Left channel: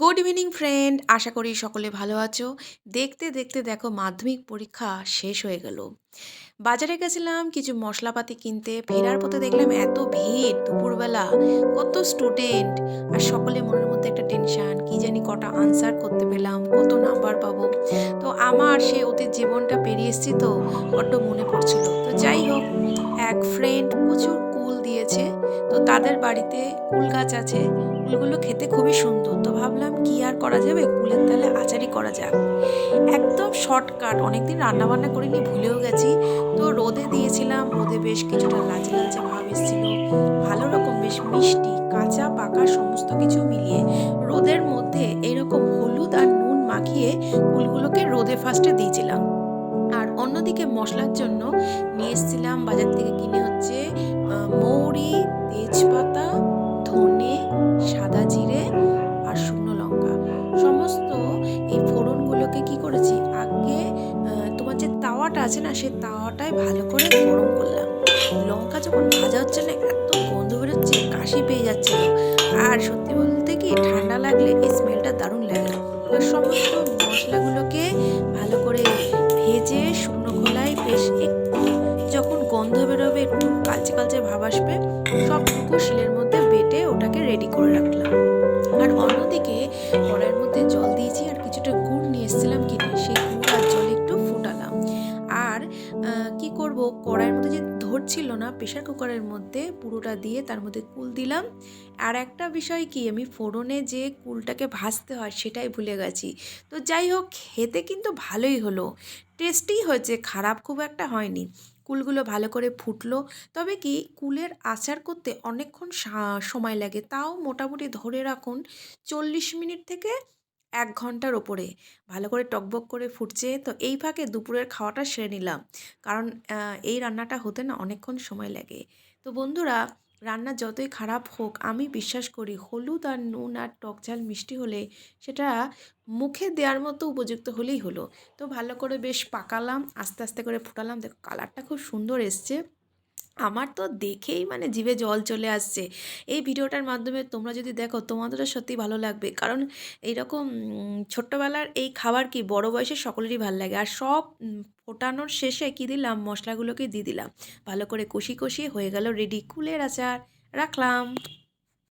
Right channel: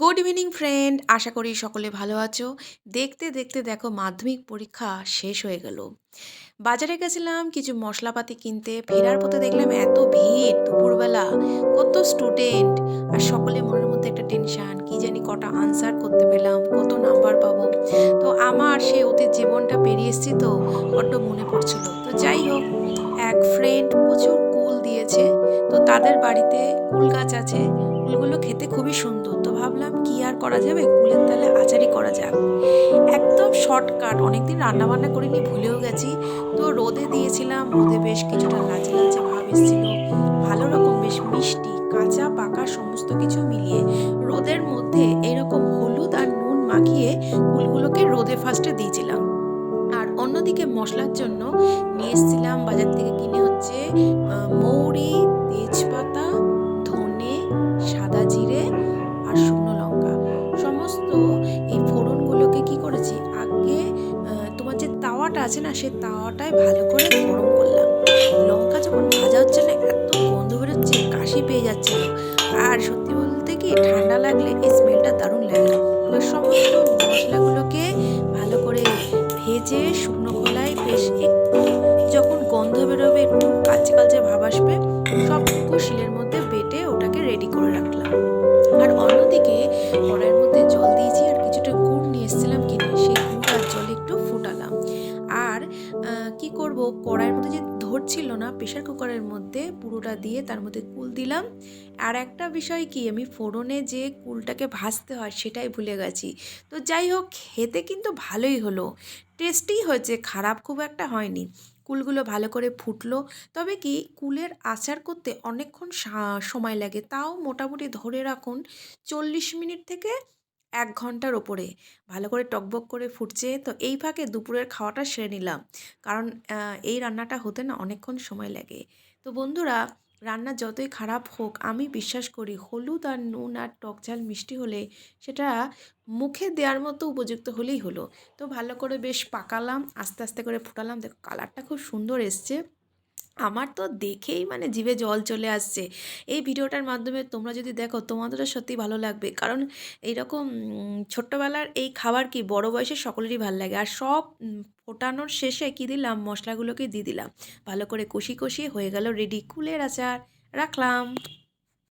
Good evening friend আশা করি সকলে ভালো আছো। দেখতে দেখতে দেখো মাধ্যমিক পরীক্ষা শেষ হয়ে গেল। বাজারে গেছিলাম কিছু মশলাপাতি কিনতে। ফেরার পথে দেখলাম এত ভিড় দুপুরবেলা। কত স্টুডেন্ট আর সকলে মনের মধ্যে একটা টেনশন কি জানি কটা আনসার করতে পেলাম, কত নাম্বার পাবো। তো আমার সে অতীত জীবনটা পেরিয়ে এসেছি তো, বড্ড মনে পড়ছিল। তো যাই হোক, এক ফ্রেন্ড প্রচুর কুল দিয়েছে। তো তাদের বাড়িতে কুল গাছ আছে। কুলগুলো খেতে খুবই সুন্দর। তো ভাবলাম কি আর করা যাবে? কুলের তালে আচারই করা যাক। একদম শর্টকাট। অনেকদিন রান্না বান্না করিনি, ভুলেও গেছি। তো রোদে দিয়েছিলাম, রোদে বেশ কিছুটা লালচে লালচে ভাব এসেছিল। ভালো রকম বেশ মিষ্টি, কাঁচা, পাকা সমস্ত কিছু মিলিয়ে রোদের মধ্যে এরকম হলুদ আর নুন মাখিয়ে কুলগুলোকে রোদে ফার্স্টে দিয়েছিলাম। আর অন্যদিকে মশলার জন্য নিয়ে এসেছিলাম বাজার থেকে কিনে হচ্ছে মৌরি সমস্ত এই ফোড়নগুলোকে কি করেছি? আগে তোমার যে তাওয়াটা আছে না সেই তাওয়াটায় ভালো করে গরম করলাম। লঙ্কা যখন ভাজা হচ্ছে না, এত গন্ধ বেরোচ্ছে, কাশি পেয়ে যাচ্ছে আর সত্যি বলতে কি, ঠান্ডা লাগলে এই স্মেলটা দারুণ লাগে। সমস্ত মশলাগুলোকে ভালো করে ভেজে শুকনো খোলায় বেশ একটু যখন গন্ধ বেরোবে, একটু কালচে কালচে ভাব আসবে, সবটুকু শিলের মধ্যে বেটে ওটাকে রেডি করে রাখলাম। আর অন্যদিকে কড়াইয়ের মধ্যে জল দিয়েছি কি করব? কড়াইয়ের মধ্যে যে ধরছিল না প্রেশার কুকারের মধ্যে পুরোটা দিয়ে তার মধ্যে কুল দিলাম। আর একটা বিষয় কি, আমি ফোড়নে যে কুলটাকে ভাজতে হয় সেটাই ভুলে গেছি। তো যাই হোক, খেতে কিন্তু ভালোই হলো। টেস্টি হয়েছে, খারাপ খুব একটা হয়নি। কুলগুলো ভালো করে ফুটলো। তবে কি, কুলের আচার করতে অনেকক্ষণ সময় লাগে। তাও মোটামুটি ধরে রাখুন, চল্লিশ মিনিট থেকে এক ঘণ্টার ওপরে। ভালো করে টকবক করে ফুটছে, তো এই ফাঁকে দুপুরের খাওয়াটা সেরে নিলাম। কারণ এই রান্নাটা হতে না অনেকক্ষণ সময় লাগে। তো বন্ধুরা, রান্না যতই খারাপ হোক, আমি বিশ্বাস করি হলুদ আর নুন আর টক ঝাল মিষ্টি হলে সেটা মুখে দেওয়ার মতো উপযুক্ত হলেই হলো। তো ভালো করে বেশ পাকালাম, আস্তে আস্তে করে ফুটালাম। দেখো কালারটা খুব সুন্দর এসছে। আমার তো দেখেই মানে জিভে জল চলে আসছে। এই ভিডিওটার মাধ্যমে তোমরা যদি দেখো তোমাদেরও সত্যি ভালো লাগবে। কারণ এইরকম ছোট্টবেলার এই খাবার কি বড় বয়সে সকলেরই ভালো লাগে। আর সব ফোটানোর শেষে কি দিলাম? মশলাগুলোকে দিয়ে দিলাম। ভালো করে কষি কষিয়ে হয়ে গেল রেডি। কুলের আচার। রাখলাম।